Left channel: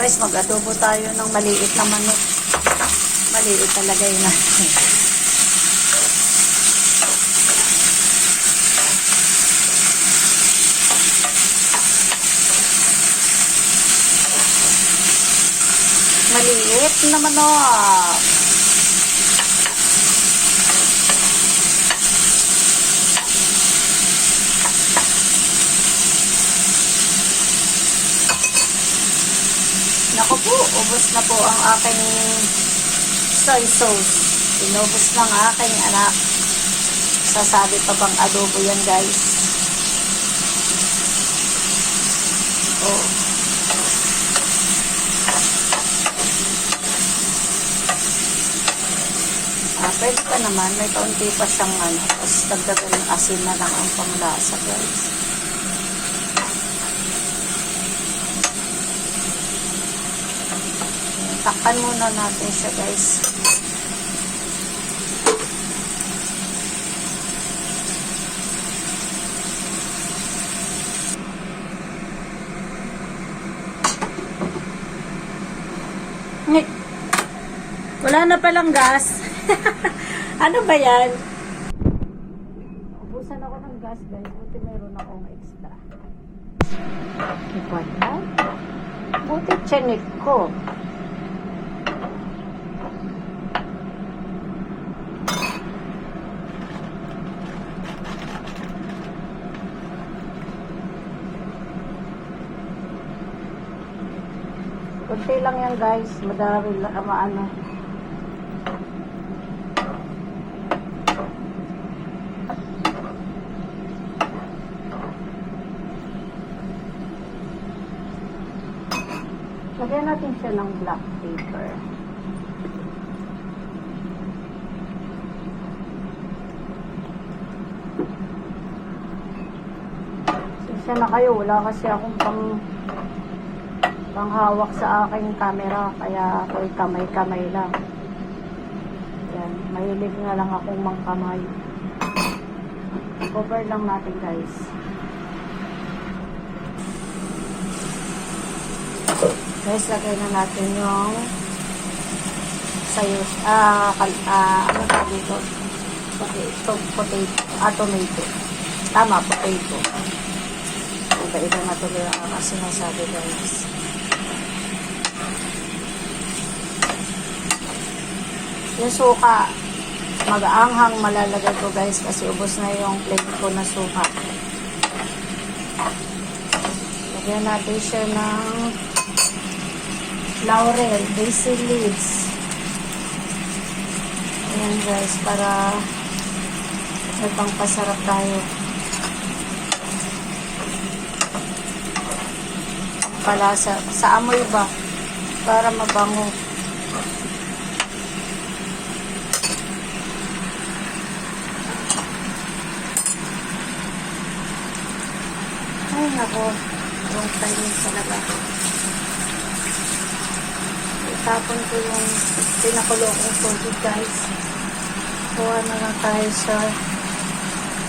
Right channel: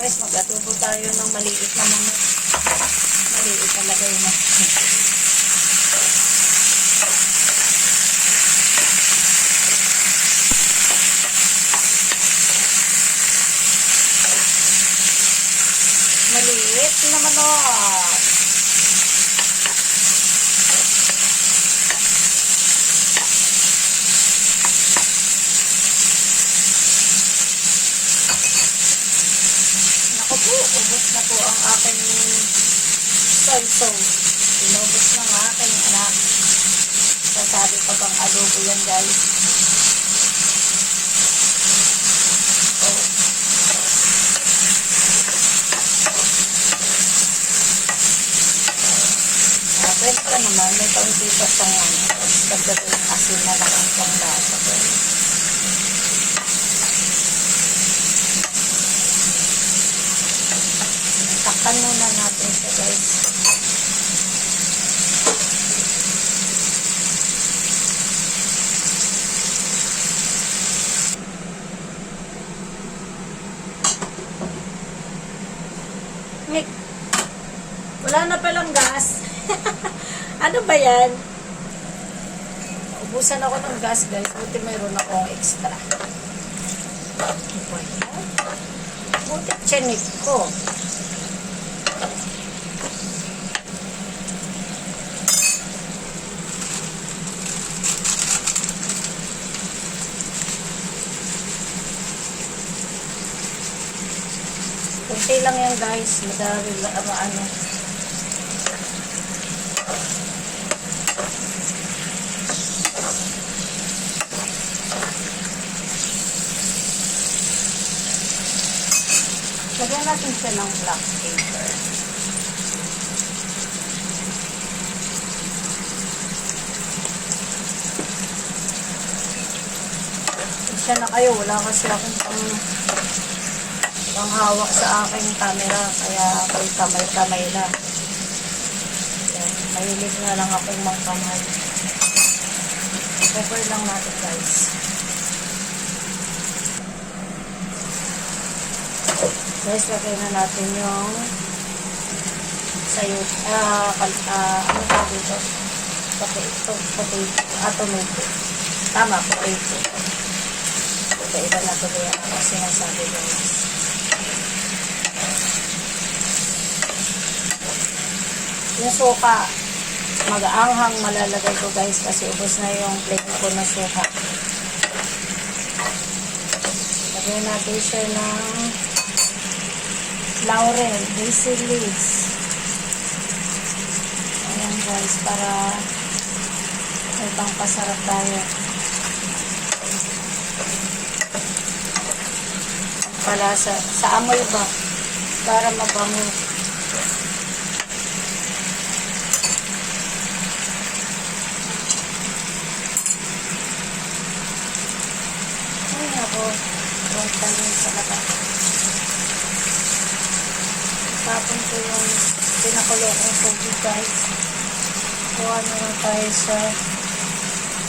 Guys, mag-adobo tayo ng maliit na manok. Maliit talaga yun natin. Maliit na manok. Naku po, ubos na po ang aking soy sauce. Inubos ng aking anak. Sasabi pa bang adobo yan, guys? Oh. Pwede pa naman, may kaunti pa siyang tapos dagdagan ng asin na lang ang panglasa, guys. Takpan muna natin siya, guys. Wala na palang gas. Ano ba yan? Ubusan ako ng gas, guys. Buti mayroon akong extra. Wala. Buti tiyanik ko. Kunti lang yan, guys. Madami lang, lagyan natin siya ng black pepper. Isa na kayo, wala kasi akong panghawak sa aking camera, kaya ako'y kamay-kamay lang. Yan, mahilig na lang akong mangkamay. Pepper lang natin, guys. Guys, lagay na natin yung sayos, ano pa dito? Tomato. Tama, potato. Iba-iba na tuloy ang sinasabi, guys. Yung suka, mag-aanghang malalagay ko, guys, kasi ubos na yung plate ko na suka. Lagyan natin siya ng laurel, basil leaves. Ayan, guys, para itang pasarap tayo. Palasa, sa amoy ba? Para mabango. Ay, ako. Wrong time talaga. Itapon ko yung pinakulo kong tubig, guys. Kuha na lang tayo sa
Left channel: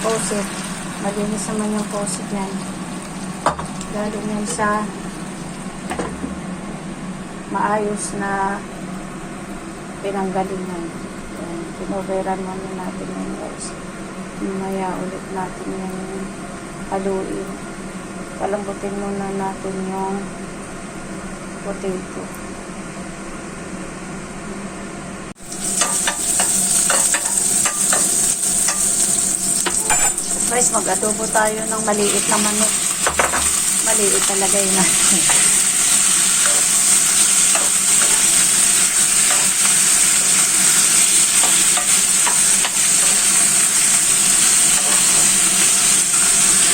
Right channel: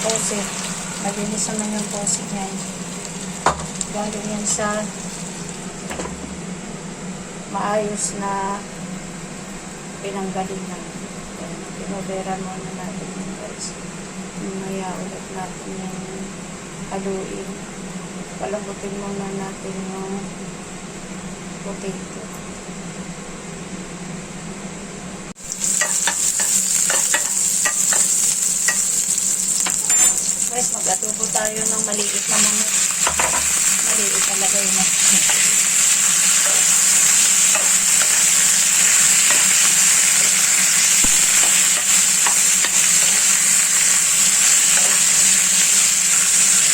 faucet. Malinis naman yung faucet niyan. Galing yan sa maayos na pinanggalingan. Yan. Pinoveran muna natin yan, guys. Mamaya ulit natin yan haluin. Palambutin muna natin yung potato. Guys, mag-adobo tayo ng maliit na manok. Maliit talaga yun natin.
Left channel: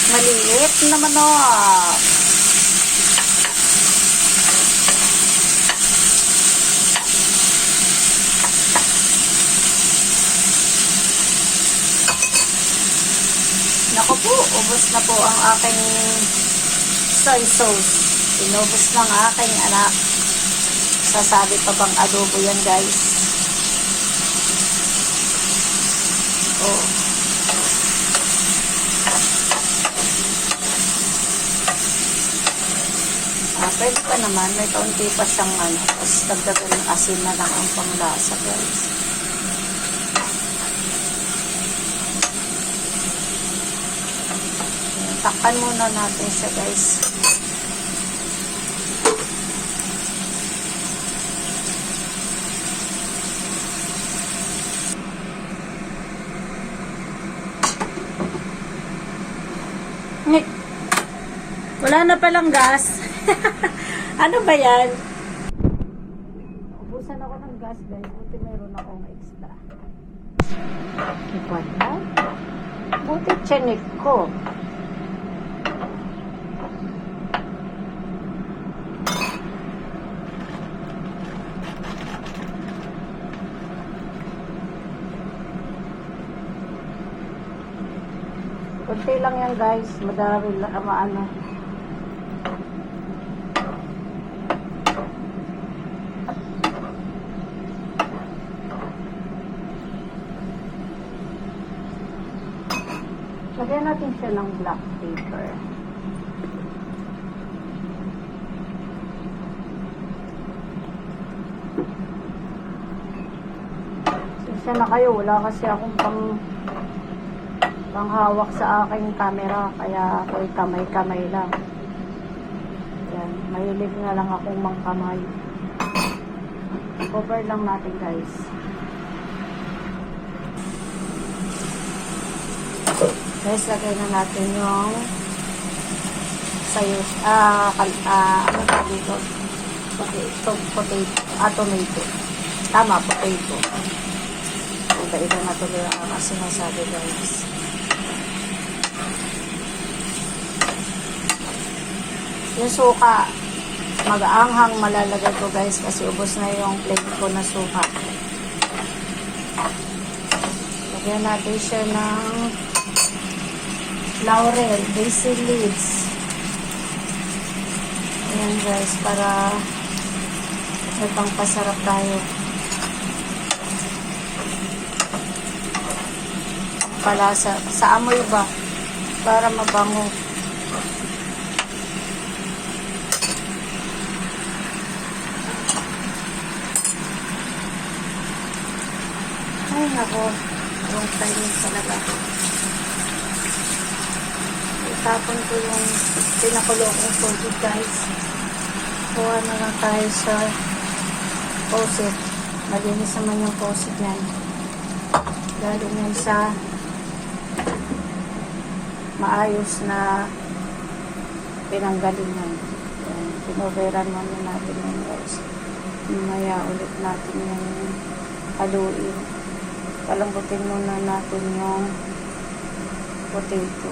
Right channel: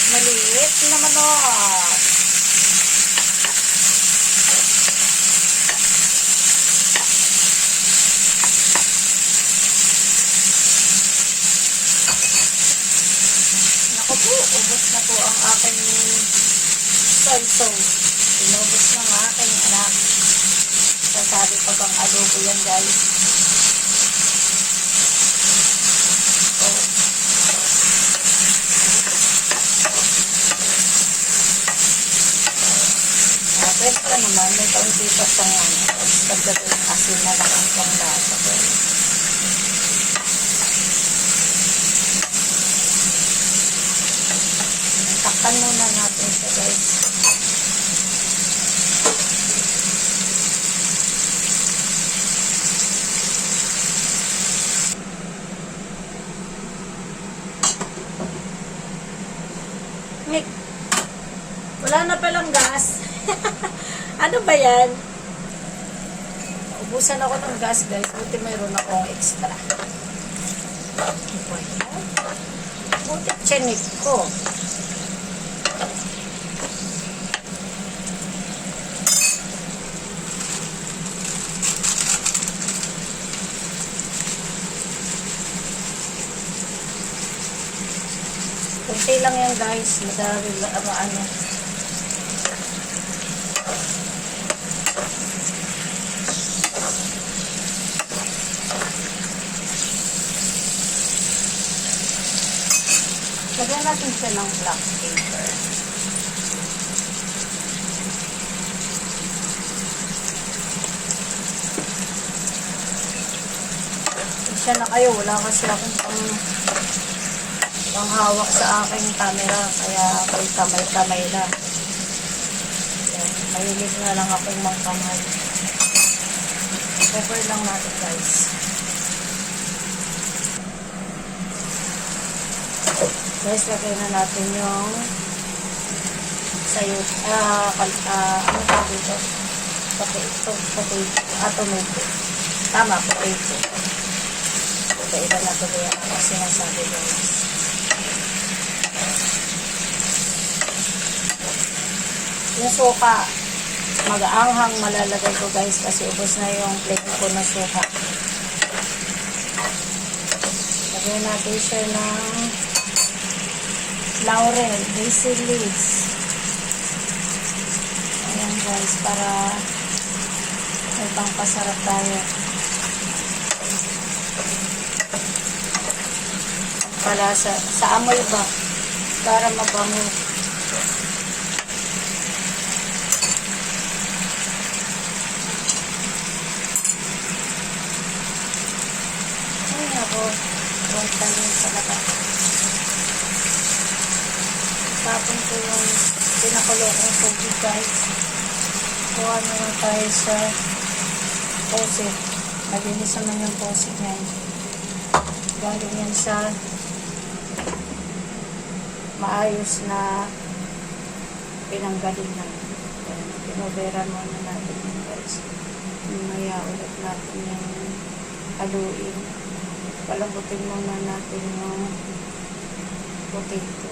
Maliit na manok. Naku po, ubos na po ang aking soy sauce. Inubos ng aking anak. Sasabi pa bang adobo yan, guys? Oh. Pwede pa naman, may kaunti pa siyang ano, tapos dagdagan ng asin na lang ang panglasa, guys. Takpan muna natin siya, guys. Wala na palang gas. Ano ba yan? Ubusan ako ng gas, guys. Buti mayroon akong extra. Wala. Buti tiyanik ko. Kunti lang yan, guys. Madami lang, ano. Lagyan natin siya ng black pepper. Isa na kayo. Wala kasi akong panghawak sa aking camera. Kaya ako'y kamay-kamay lang. Yan. Mahilig na lang akong mangkamay. Pepper lang natin, guys. Guys, lagay na natin yung sayos, ano pa dito? Tomato. Tama, potato. Iba-iba na tuloy ang sinasabi, guys. Yung suka, mag-aanghang malalagay ko, guys, kasi ubos na yung plate ko na suka. Lagyan natin siya ng laurel, basil leaves. Ayan, guys, para may pangpasarap tayo. Palasa, sa amoy ba? Para mabango. Ay, nako. Wrong time talaga ako. Tapon ko yung pinakulo kong tubig, guys. Kuha na lang tayo sa faucet. Malinis naman yung faucet yan. Galing yan sa maayos na pinanggalingan. Yan. Pinoveran muna natin yan, guys. Mamaya ulit natin yan haluin. Palambutin muna natin yung potato.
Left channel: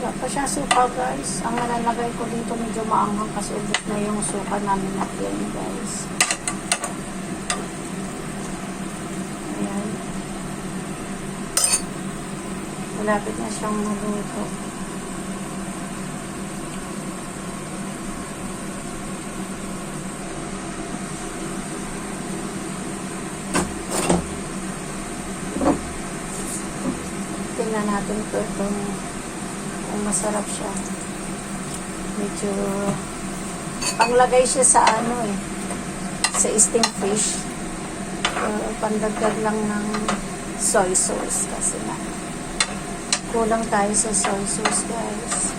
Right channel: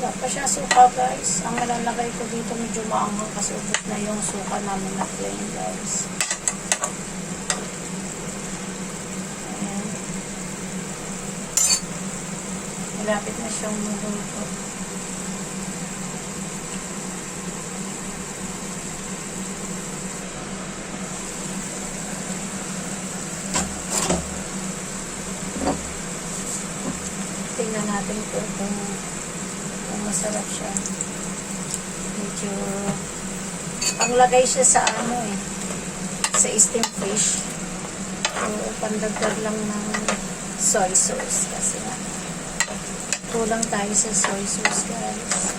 Wala pa siya suka, guys. Ang malalagay ko dito medyo maanghang kasi ubos na yung suka namin na plain, guys. Ayan. Malapit na siyang maluto. Tingnan natin po kung masarap siya. Medyo panglagay siya sa ano sa steamed fish. Pandagdag lang ng soy sauce kasi nga kulang tayo sa soy sauce, guys.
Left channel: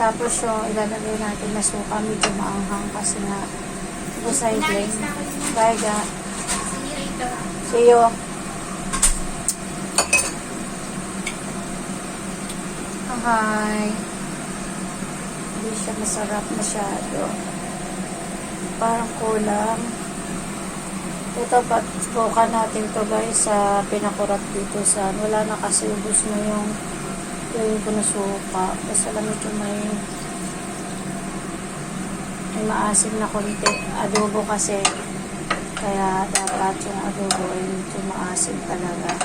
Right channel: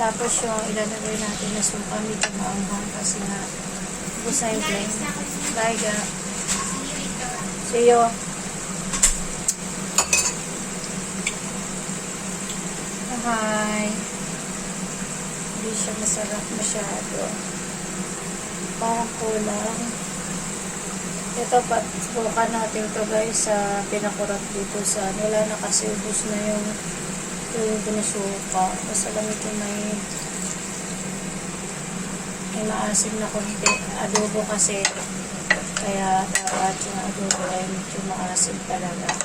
Tapos yung ilalagay natin na suka medyo maanghang kasi nga busay plain. Bye, ga. See you. Hi. Hindi siya masarap masyado. Parang kulang. Ito, subukan natin to, guys, sa pinakurap dito sa wala na kasi ubos na yung ko na suka. Basta lang ito may maasim na konti. Adobo kasi. Kaya dapat yung adobo ay medyo maasim talaga.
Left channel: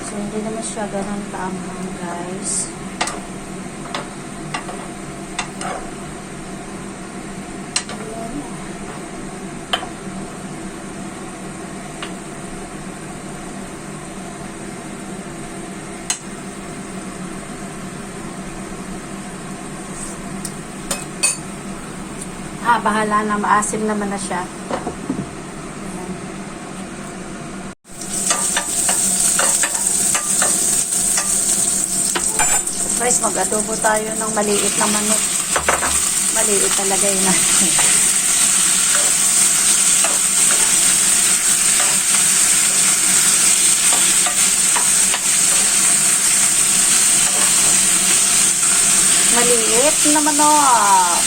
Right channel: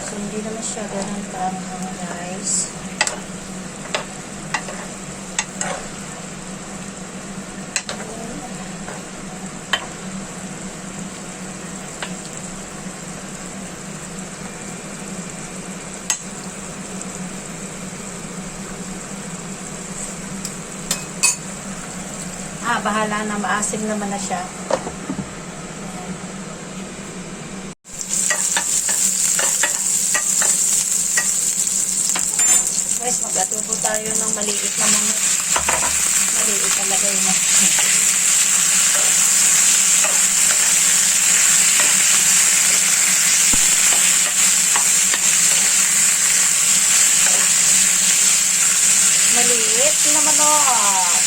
So, hindi naman siya ganun kaanghang, guys. bahala na, maasim naman na siya. Ayan. Guys, mag-adobo tayo ng maliit na manok. Maliit talaga yun natin. Maliit na manok.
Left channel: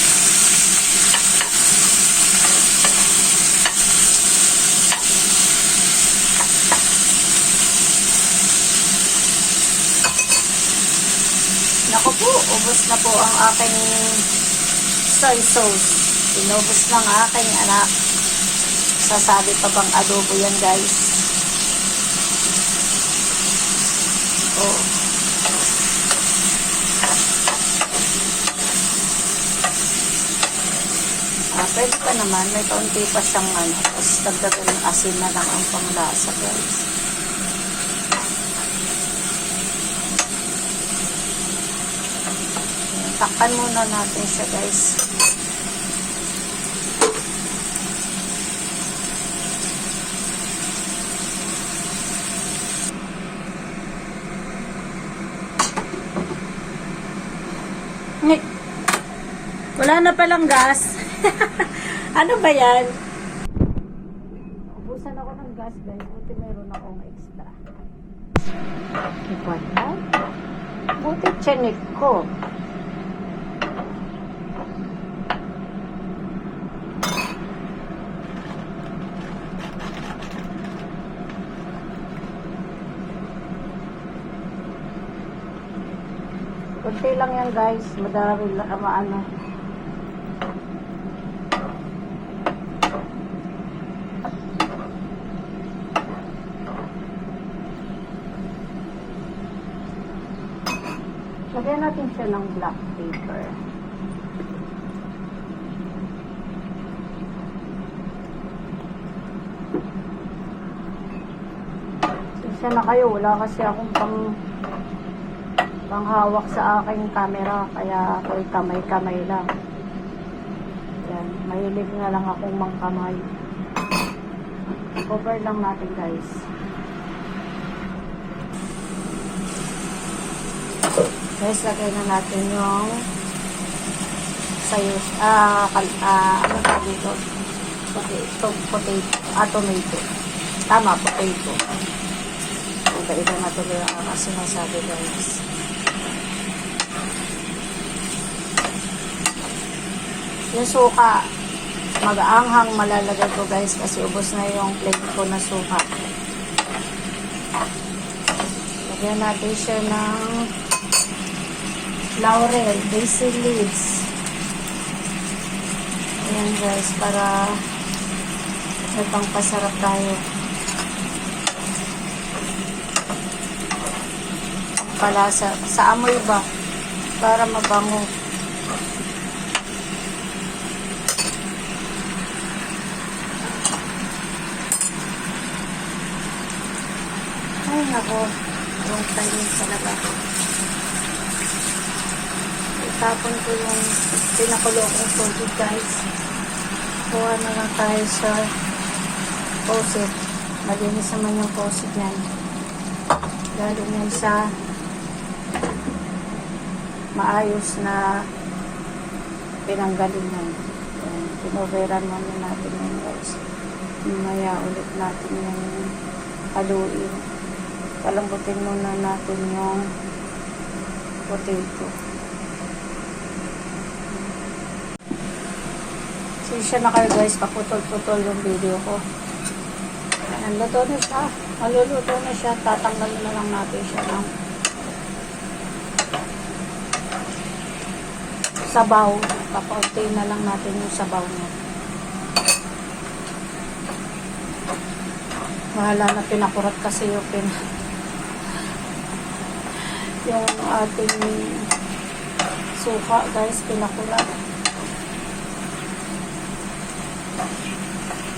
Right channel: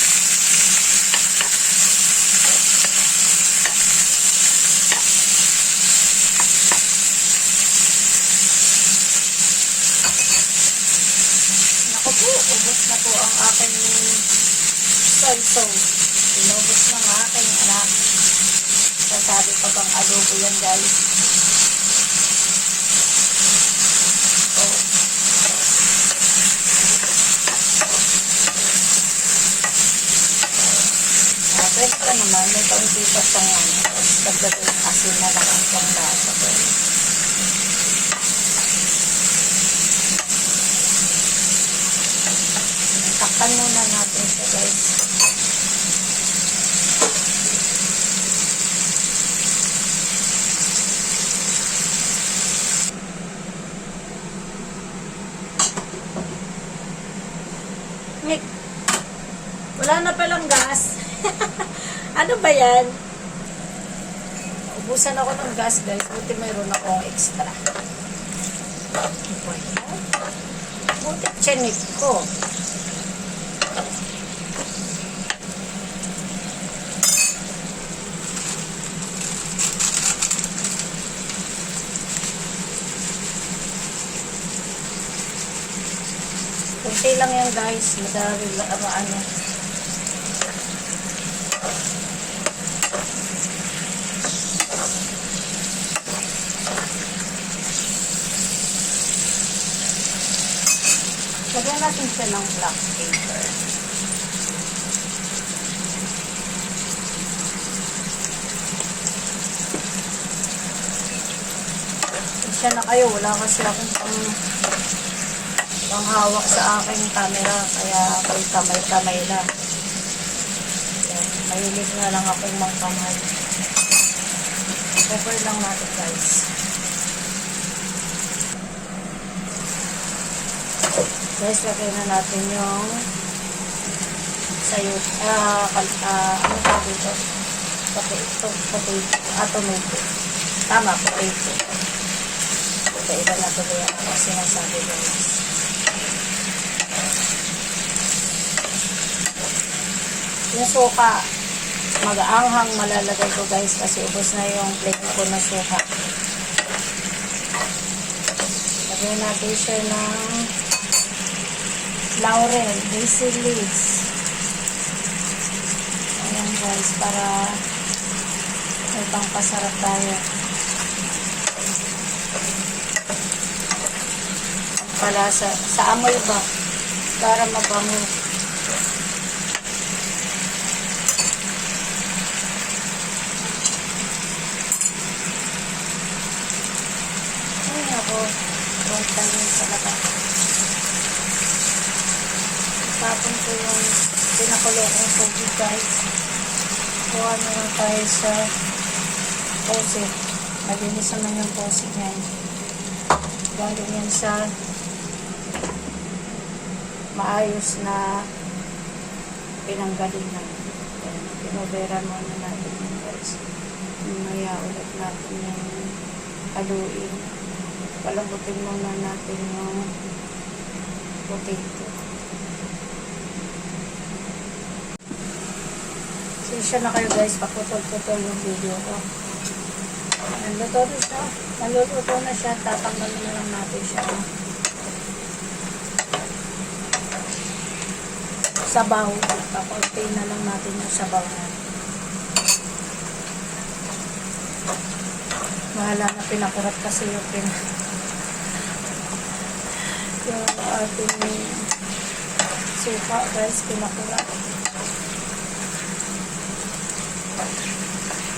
Naku po, ubos na po ang aking soy sauce. Inubos ng aking anak. Sasabi pa bang adobo yan, guys? Oh. Pwede pa naman, may kaunti pa siyang tapos dagdagan ng asin na lang ang panglasa, guys. Takpan muna natin siya, guys. Wala na palang gas. Ano ba yan? Ubusan ako ng gas, guys. Buti mayroon akong extra. Wala. Buti tiyanik ko. Kunti lang yan, guys. Madami lang, ano. Lagyan natin siya ng black pepper. Siya na kayo. Wala kasi akong panghawak sa aking camera. Kaya ako'y kamay-kamay lang. Yan. Mahilig na lang akong mangkamay. Cover lang natin, guys. Guys, lagay na natin yung sayos, ano pa dito? Tomato. Tama, potato. Iba-iba na tuloy ang sinasabi, guys. Yung suka, mag-aanghang malalagay ko, guys, kasi ubos na yung plate ko na suka. Lagyan natin siya ng laurel, basil leaves. Ayan, guys, para itong pasarap tayo. Palasa, sa amoy ba? Para mabango. Ay, ako. Wrong time talaga. Tapon ko yung pinakulo kong tubig, guys. Kuha na lang tayo sa faucet. Malinis naman yung faucet niyan. Galing yan sa maayos na pinanggalingan. Yan. Pinoveran muna natin yan, guys. Mamaya ulit natin yung haluin. Palambutin muna natin yung potato. Siya na kayo, guys, paputol-putol yung video ko. Naluto na siya. Maluluto na siya. Tatanggalin na lang natin siya ng sabaw. Papaunti na lang natin yung sabaw niya. Mahala na pinakurat kasi yung yung ating suka, guys, pinakurat.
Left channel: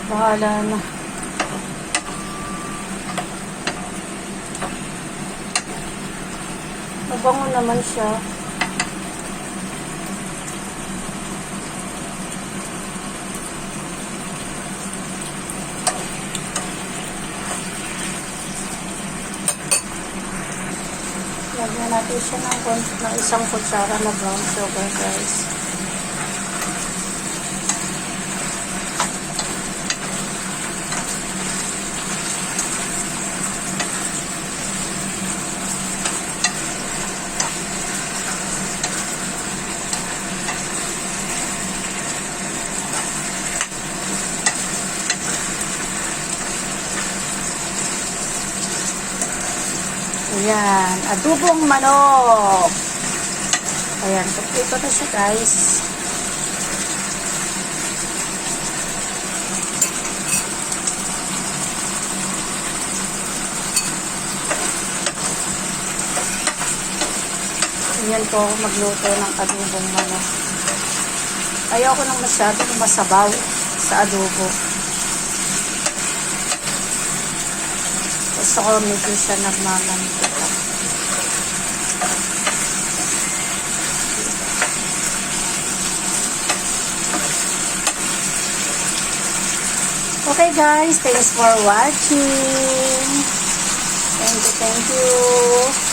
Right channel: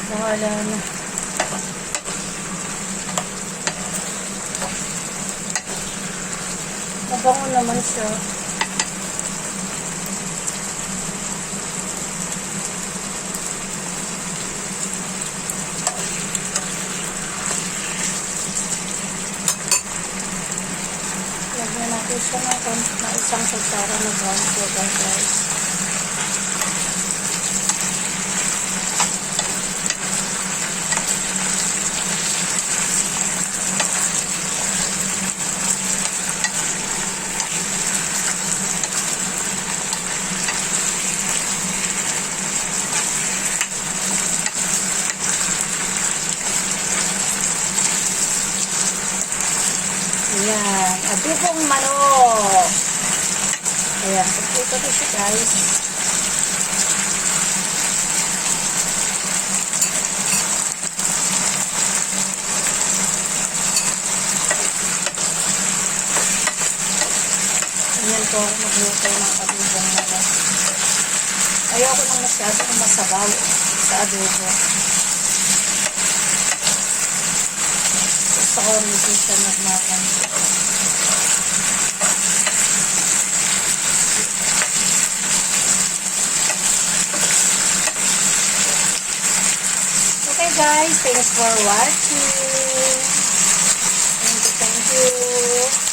Bahala na. Mabango naman siya. Lagyan siya ng isang kutsara na brown sugar, guys. Ayan, adobong manok. Ayan, ito na siya, guys. Ayan po ako magluto ng adobong manok. Ayoko nang masyadong masabaw sa adobo. Gusto ko medyo siya nagmamantika. Okay guys, thanks for watching. Thank you.